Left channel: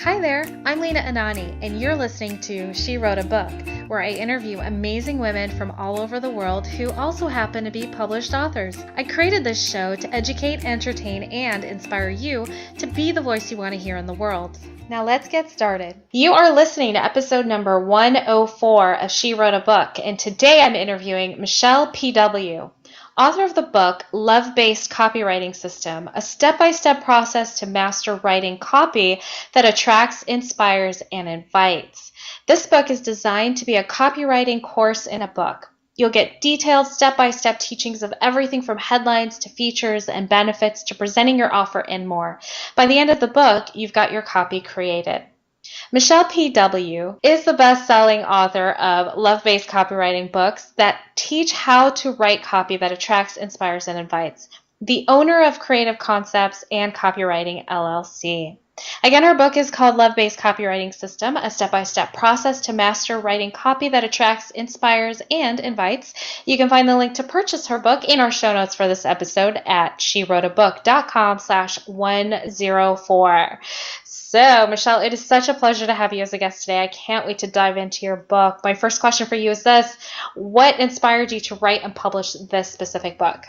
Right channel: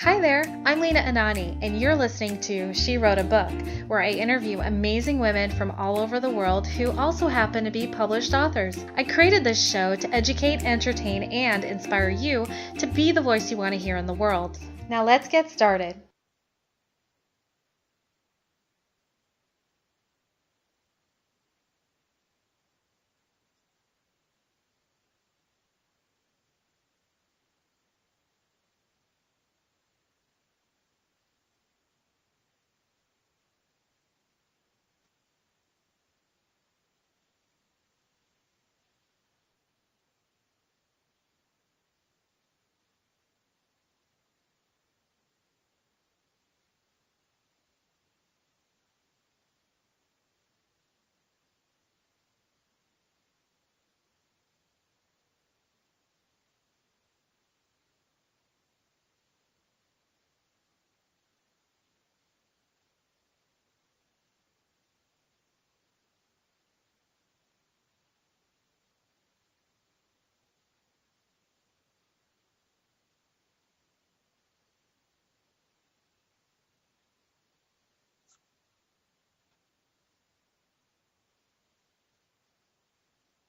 Hi there, I'm Lena Anani, and you're listening to She Wrote a Book, where I interview amazing women from all over the world who also happen to be published authors. I created this show to educate, entertain, and inspire you to be the voice you want to hear in the world. Now let's get started. You are listening to episode number 104 of She Wrote a Book, and today I'm interviewing Michele PW, author of the book LoveBased Copywriting System, a step-by-step process to master writing copy that attracts, inspires, and invites. This book is designed to be a copywriting course in a book. You'll get detailed step-by-step teachings of everything from headlines to features and benefits to presenting your offer and more. By the end of the book, you've got your copy created. Michele PW is the best-selling author of love-based copywriting books that teach how to write copy that attracts, inspires, and invites. The owner of Creative Concepts and Copywriting LLC. Again, her book is called Love-Based Copywriting System, a step-by-step process to master writing copy that attracts, inspires, and invites. You can find the link to purchase her book in our show notes for this episode at SheWroteABook.com/104. So, Michele, it is such a pleasure to have you as a guest today. I can't wait to dive into your book. My first question for you is this: what inspired you to write and publish this specific book?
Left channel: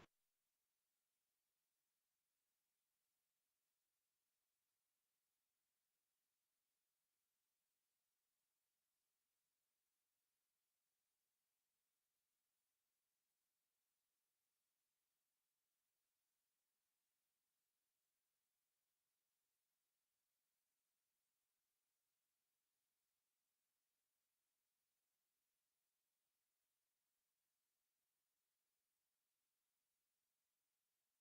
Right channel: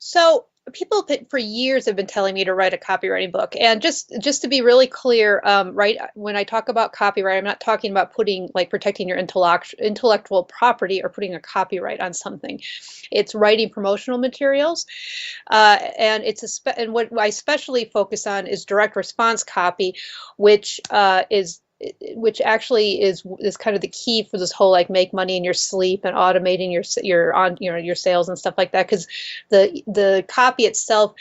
So people for years have been telling me to write a copywriting book. And just to be really clear, right, when I talk about copyright, I'm not talking about protecting your intellectual property or putting a copyright on something. It's writing promotional materials. And and what I especially focus on is direct response copy, which actually is kind of the key for this whole make money in your sleep and automating your sales and stuff like that, because the copy itself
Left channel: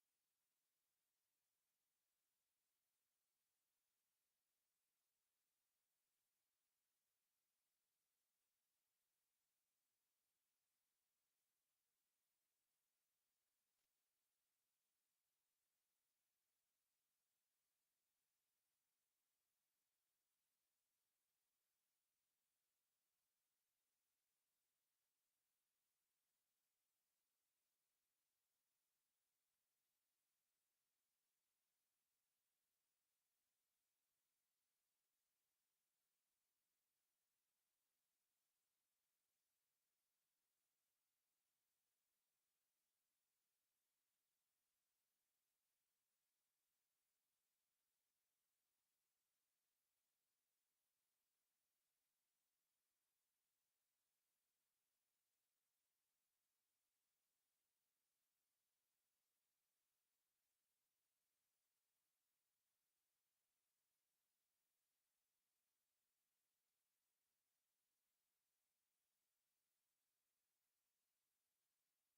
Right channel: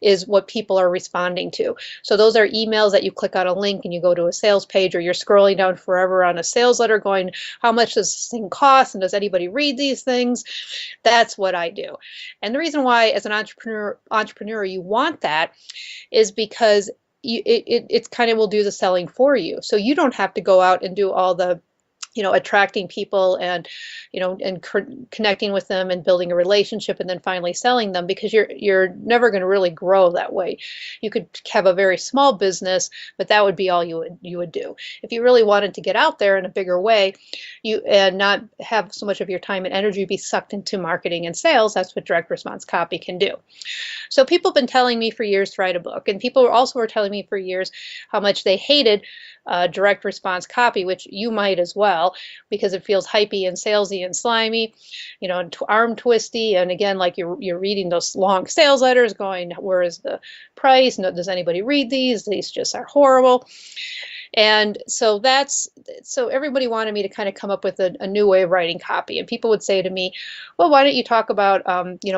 is what people are responding to. So those are emails that you click on a link and you go to a sales page, or you're scrolling down forever on a sales letter going, how much does this thing cost, and does anybody read these things? That's what I do. And the reason why as an entrepreneur you want that is because it kind of will do the selling for you. So you don't have to go out and do all the attracting people and connecting with them and building a relationship and then finally selling them, because you're never going to really grow that way. You could have a very small business, but that would be all you would do. If you really wanted to get out there in a bigger way, and not have so much of your time and energy be sucked into marketing and sales, that's what direct response copy can do. So people have been telling me for years to write a book, and people also were telling me for years how much they hated direct response copy, which you might as well, because it feels hypey and salesy and slimy, and arm twisty. And again, like you're reading those long sales letters going, where is the price? No, does anybody read these? These just are horrible. And so everybody wanted me to kind of come up with a new way of writing copy. And people would say to me, well, why don't you talk about,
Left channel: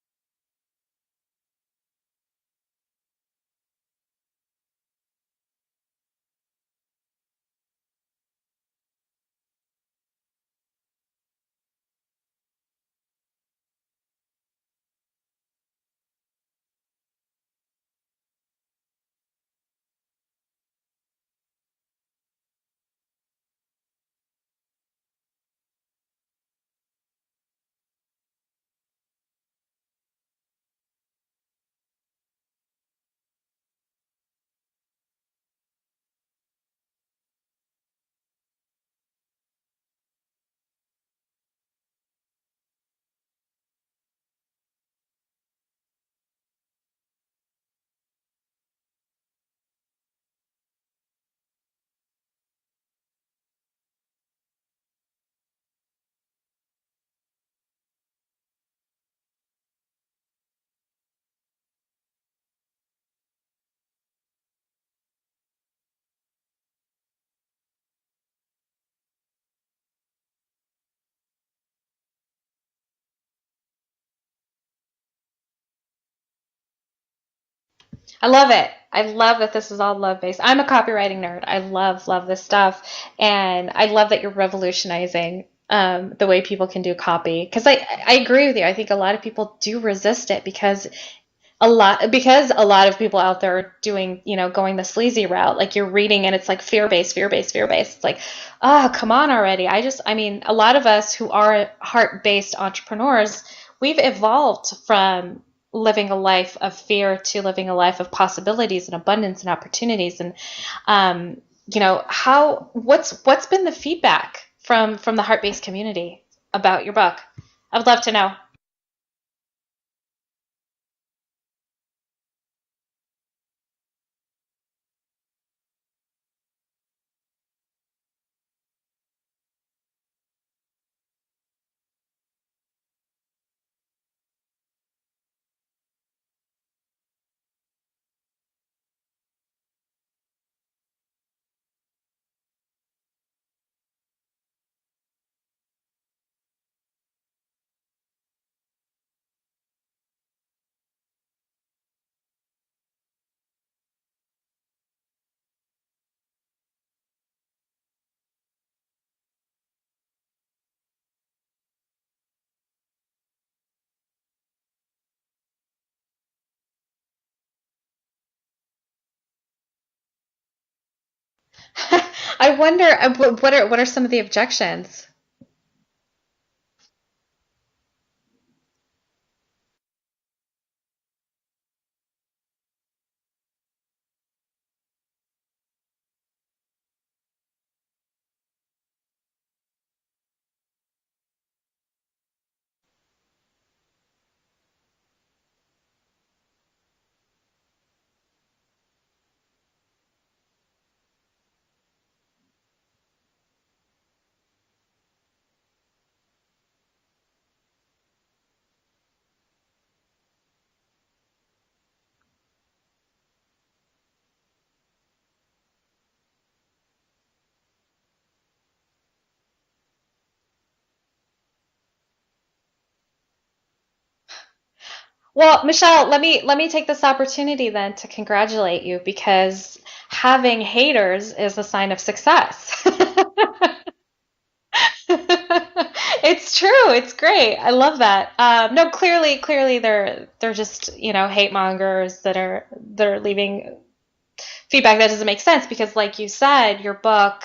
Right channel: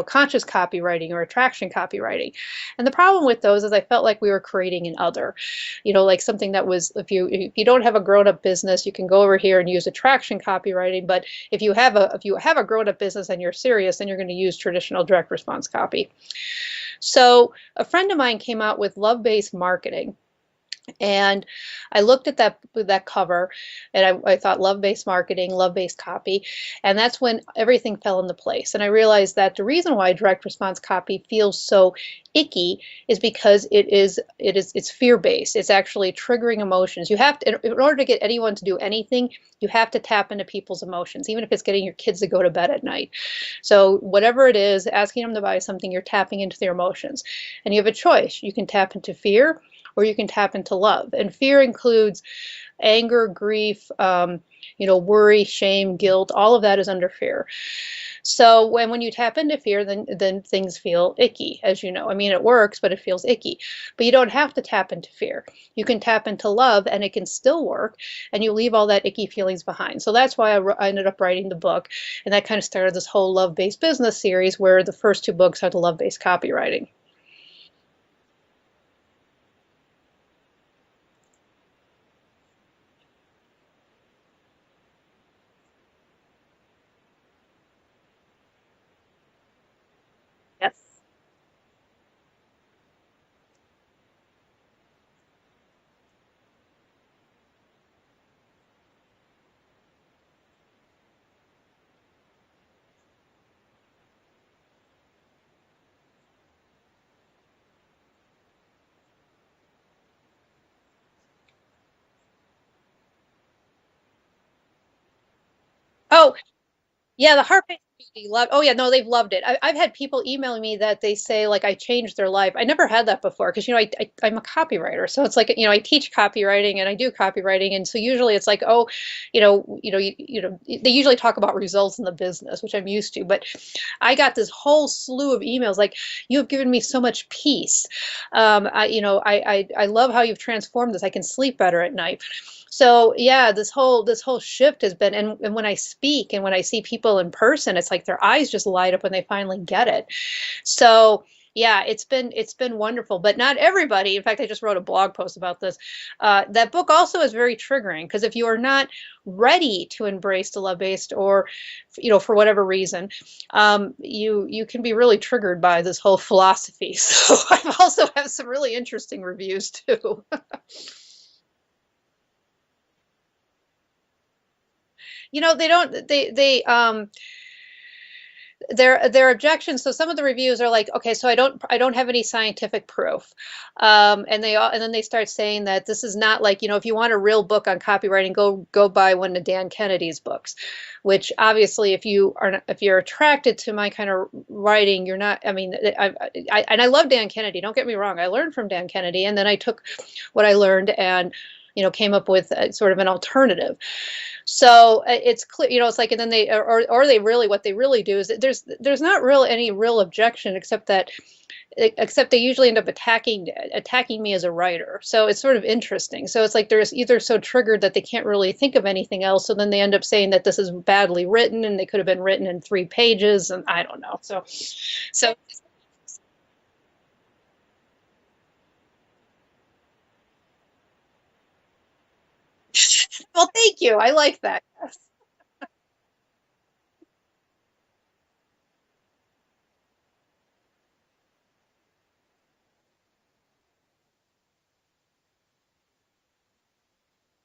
conscious copywriting or attraction copywriting? And the problem with those is I felt like we were creating an other, like something that was, if you don't have a grown-up business, you can go over here and use attraction copywriting. But if you have a grown-up business and you're serious, then you're going to use traditional direct response copy. So a friend of mine came out with love-based marketing. And I looked at that cover, and I thought love-based marketing, love-based copy, and that's when everything fell into place. And I realized that the reason why direct response copy feels so icky is because it's fear-based. It's actually triggering emotions. You have to, in order to get anyone to do anything, you have to tap into people's emotions, even if it's getting your kids to go to bed at night. So whatever it is, asking them to buy something, you're tapping into their emotions. And you have a choice. You can tap into fear, or you can tap into love. And fear includes anger, grief, worry, shame, guilt. All of that is under fear. So when you tap into fear, then things feel icky, as you know. I mean, it works, but it feels icky. But you don't have to tap into fear. You can tap into love, and it can still work, and you leave all that icky feelings behind. So that's why I ended up writing the book, and that kind of started this whole love-based business series, where the first two books are the love-based copywriting. I love it. I love that this is all love-based. I'm a copywriting nerd. I love this stuff. And I love that you're revolutionizing the way people can do copy. Because I agree with you. I think a lot of people do resist it because a lot of people out there are doing, going the sleazy route. Like you're reading and it's like fear-based. It's like, oh, come on already. A lot of us who are heart-based entrepreneurs, we've evolved from living a life of fear to living a life of possibilities and abundance and opportunities. And what's been the feedback from the heart-based community Oh, about your book? yeah, the heart I would love to know. love. Oh yeah, no, they've loved it. I've had people emailing me that they say like I changed their life. I never had that before because I'm a copywriter, so it's like I teach copywriting and I do copywriting, and so usually it's like they usually talk about results in the business, which I'm used to, but I got this whole slew of emails like you have given me so much peace. I love how you've transformed this. I can sleep better at night. So yeah, this whole shift has been, and when I speak and when I see people in person, it's like their eyes just light up when they finally get it. So yeah, it's been wonderful, but not everybody. In fact, I just wrote a blog post about this. That book also is very triggering because if you are not ready to embrace the love based, or for whatever reason, you can be really triggered by this whole philosophy. So I've also have some really interesting reviews too. I wonder what are some of the objections? They don't their objections. So some of the reviews are like, okay, so I don't have any scientific proof, and then they start saying that this is not like, if you want a real book on copywriting, go buy one of Dan Kennedy's books, which obviously if you're attracted to my kind of writing, you're not. I mean, I love Dan Kennedy, don't get me wrong, I learned from Dan Kennedy, and then I took what I learned and came up with sort of an alternative. So it's clear, it's like, and then they really, what they really do is that there's not any real objection, except they usually end up attacking me as a writer. So it's sort of interesting. So it's like they're either so triggered that they can't really think of anything else. So then they end up saying that this is badly written and they could have been written in 3 pages, and I don't know. So Well, Michelle, let me take this opportunity then to congratulate you because having haters is a sign of success. well, thank you. I like that. It's true. It's great. I love that. No, clearly they're just, hate mongers that are leaving feedback that doesn't make sense because like you said, your book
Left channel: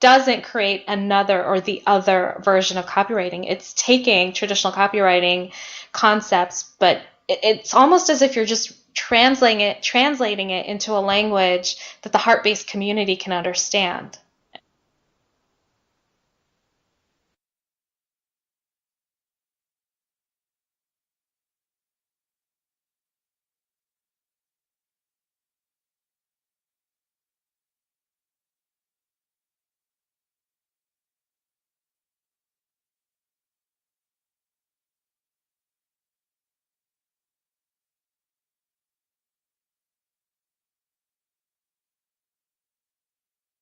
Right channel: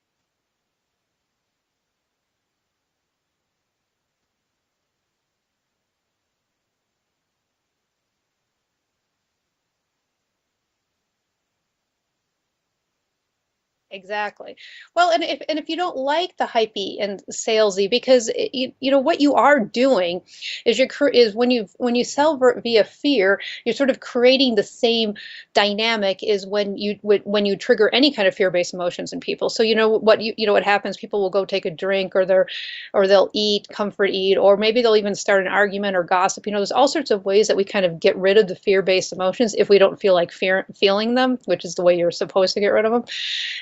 doesn't create another or the other version of copywriting. It's taking traditional copywriting concepts, but it's almost as if you're just translating it into a language that the heart-based community can understand. Exactly. Well, and if you don't like the hypey and salesy, because what you are doing is when you sell via fear, you're sort of creating the same dynamic is when you trigger any kind of fear-based emotions in people. So what happens? People will go take a drink, or they'll comfort eat, or maybe they'll even start an argument or gossip. There's all sorts of ways that we kind of get rid of the fear-based emotions if we don't feel like feeling them, which is the way you're supposed to get rid of them.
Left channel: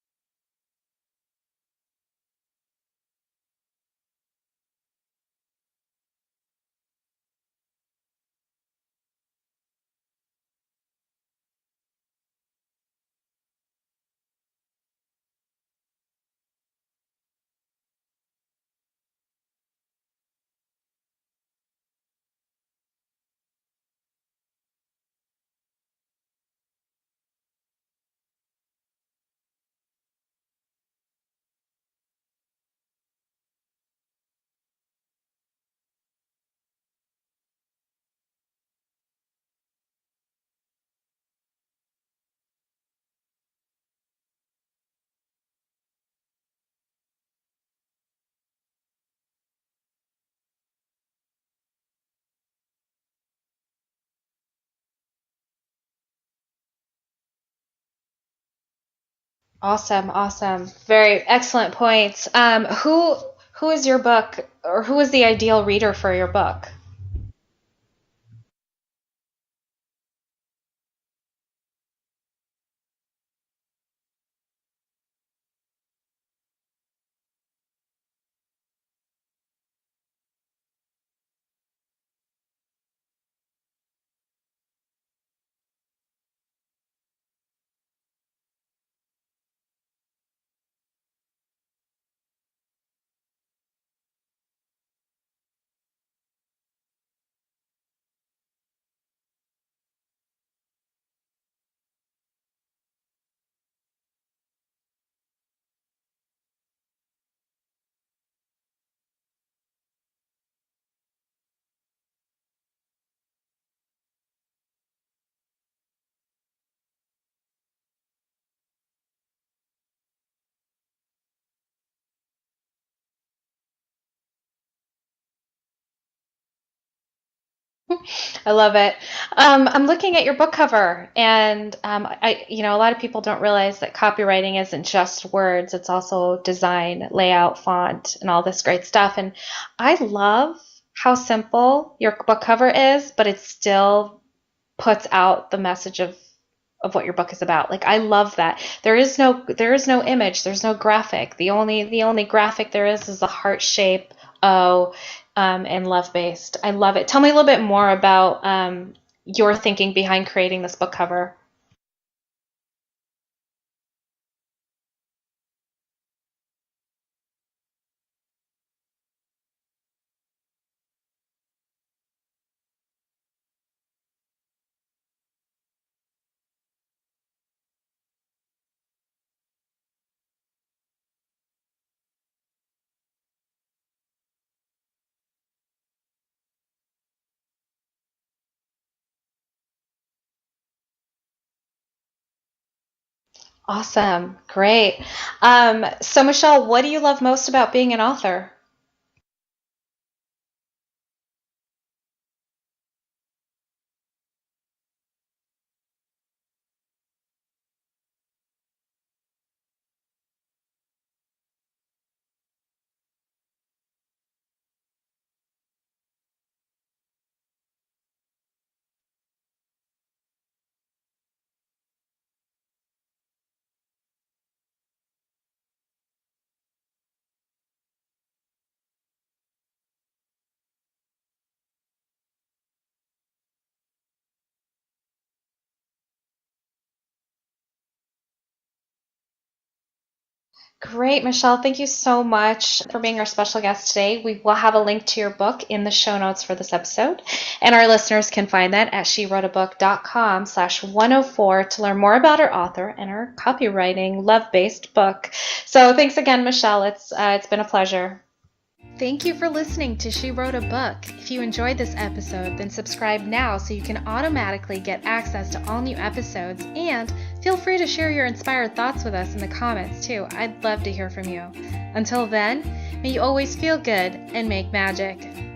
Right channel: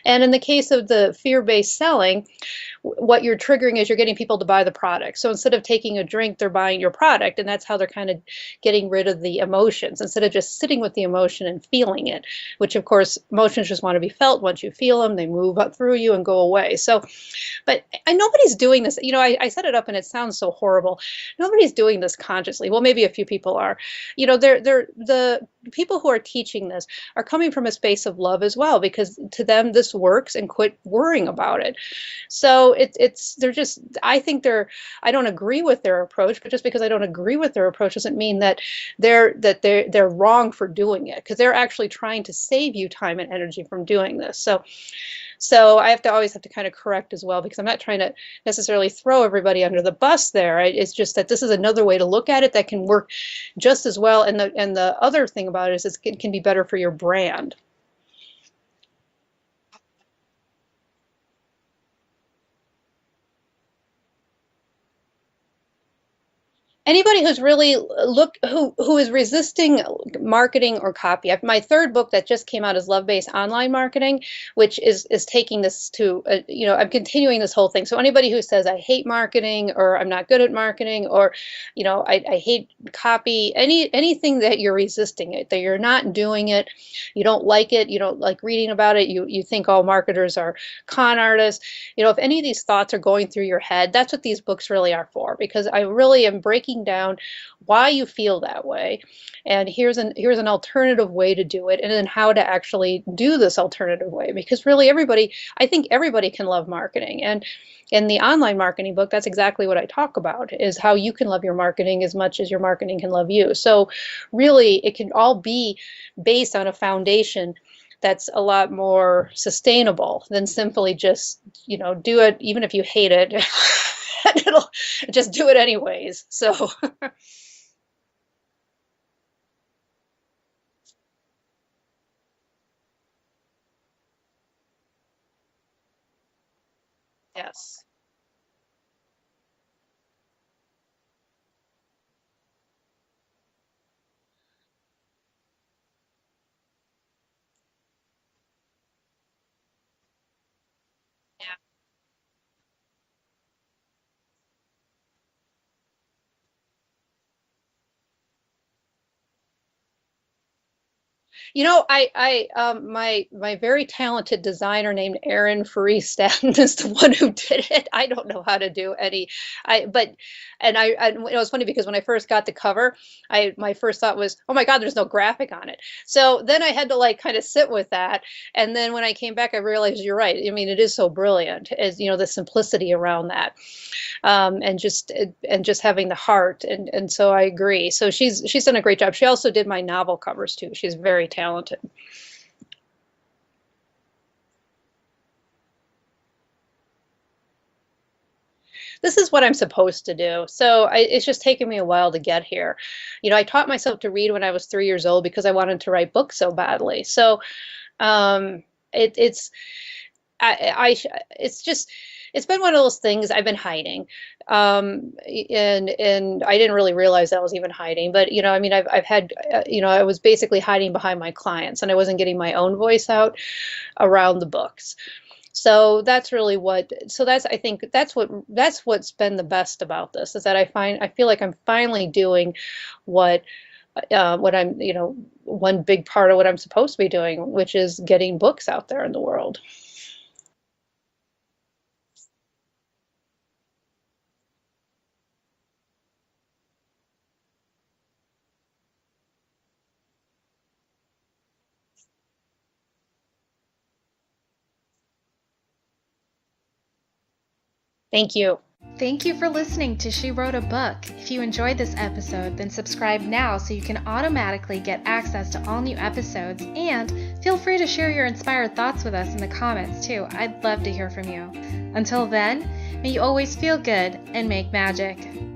And in the case of the fear-based selling, what you're triggering is you're getting people to buy the product. So instead of taking a drink, they're buying your product, and that's how they're kind of getting rid of the emotions instead of just sitting with the emotion and feeling it, which of course emotions just want to be felt. Once you feel them, they move up through you and go away. So, but nobody's doing this. I set it up and it sounds so horrible. Nobody's doing this consciously. Well, maybe a few people are. The people who are teaching this are coming from a space of love as well, because to them this works, and quit worrying about it. So I don't agree with their approach, but just because I don't agree with their approach doesn't mean that they're wrong for doing it, because they're actually trying to save you time and energy from doing this. So I always have to kind of correct as well, because I'm not trying to necessarily throw everybody under the bus there. It's just that this is another way to look at it that can work just as well. And the other thing about it is it can be better for your brand. Awesome. Very excellent points. Who is your book, or who is the ideal reader for your book? Anybody who's really who is resisting marketing or copy. My third book that just came out is LoveBased Online Marketing, which is taking this to I'm continuing this whole thing. So anybody who says I hate marketing, or I'm not good at marketing, or I hate copy, anything that you're resisting it, that you're not doing it, you don't like it, you don't like reading about it, you think all marketers are con artists, if any of these thoughts are going through your head, that's what these books really are for, because I really am breaking down why you feel that way, and here's an alternative way to do it, and then how to actually do this alternative way, because really I think everybody can love marketing. And in the online marketing book, that's exactly what I talk about, is how you can love your marketing as much as your marketing can love you. So really it can all be based on a foundation that's a lot more sustainable than simply just, do it even if you hate it. And it'll just do it anyways. So I love it. I'm looking at your book cover, and a lot of people don't realize that copywriting isn't just words; it's also design, layout, font, and all this great stuff. And I love how simple your book cover is, but it still puts out the message of what your book is about. Like I love that. There is no image, there's no graphic. The only graphic there is a heart shape O and love-based. I love it. Tell me a little bit more about your thinking behind creating this book cover. My very talented designer named Erin Freestaden is the one who did it. I don't know how to do any, it was funny because when I first got the cover, my first thought was, oh my God, there's no graphic on it. So then I had to like kind of sit with that. And then when I came back, I realized you're right. I mean, it is so brilliant, as the simplicity around that. And just having the heart, and so I agree. So she's done a great job. She also did my novel covers too. She's very talented. Awesome. Great. So Michele, what do you love most about being an author? This is what I'm supposed to do. So it's just taken me a while to get here. I taught myself to read when I was 3 years old because I wanted to write books so badly. So it's been one of those things I've been hiding. And I didn't really realize I was even hiding, but I've had, I was basically hiding behind my clients, and I wasn't getting my own voice out around the books. So that's really I think that's what's been the best about this, is that I feel like I'm finally doing what I'm, one big part of what I'm supposed to be doing, which is getting books out there in the world. Great, Michele. Thank you so much for being our special guest today. We will have a link to your book in the show notes for this episode, and our listeners can find that at SheWroteABook.com/104 to learn more about our author and her copywriting love-based book. So thanks again, Michele. It's been a pleasure. Thank you. Thank you for listening to She Wrote a Book. If you enjoyed this episode, then subscribe now so you can automatically get access to all new episodes, and feel free to share your inspired thoughts with us in the comments too. I'd love to hear from you. Until then, may you always feel good and make magic.